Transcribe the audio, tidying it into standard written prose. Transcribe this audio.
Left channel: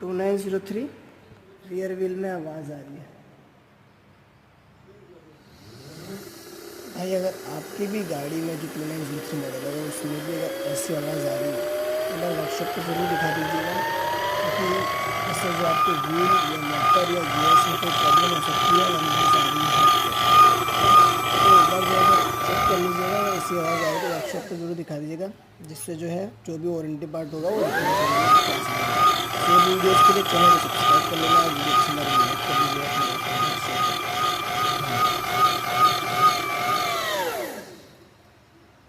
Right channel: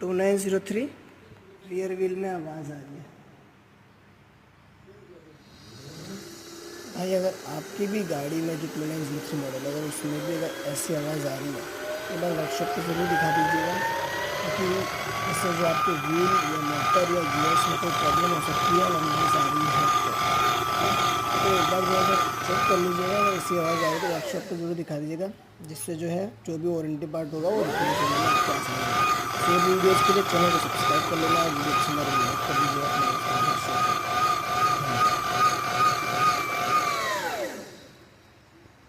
2903 rear wheel में आवाज़ आ रही है। भाई अगर आपकी भी गाड़ी में जो 2903 मॉडल है, अगर उसमें भी अगर ऐसी आवाज़ आ रही है तो एक बार वर्कशॉप को ज़रूर दिखा दीजिएगा, क्योंकि इससे जो आपके व्हील या मोटर या गियर्स में कोई प्रॉब्लम हो सकती है या नॉइज़ आ रही है तो एक बार जो है चेक कर लीजिएगा। अगर ऐसी आवाज़ आ रही है तो वर्कशॉप को ज़रूर दिखा दीजिएगा, जिससे जो है जो भी वारंटी पार्ट होगा वो रिप्लेस होगा आपके पास। तो वीडियोज़ के लिए चैनल को सब्सक्राइब कर लेना, वीडियो पसंद आ रही है लाइक कर दीजिएगा।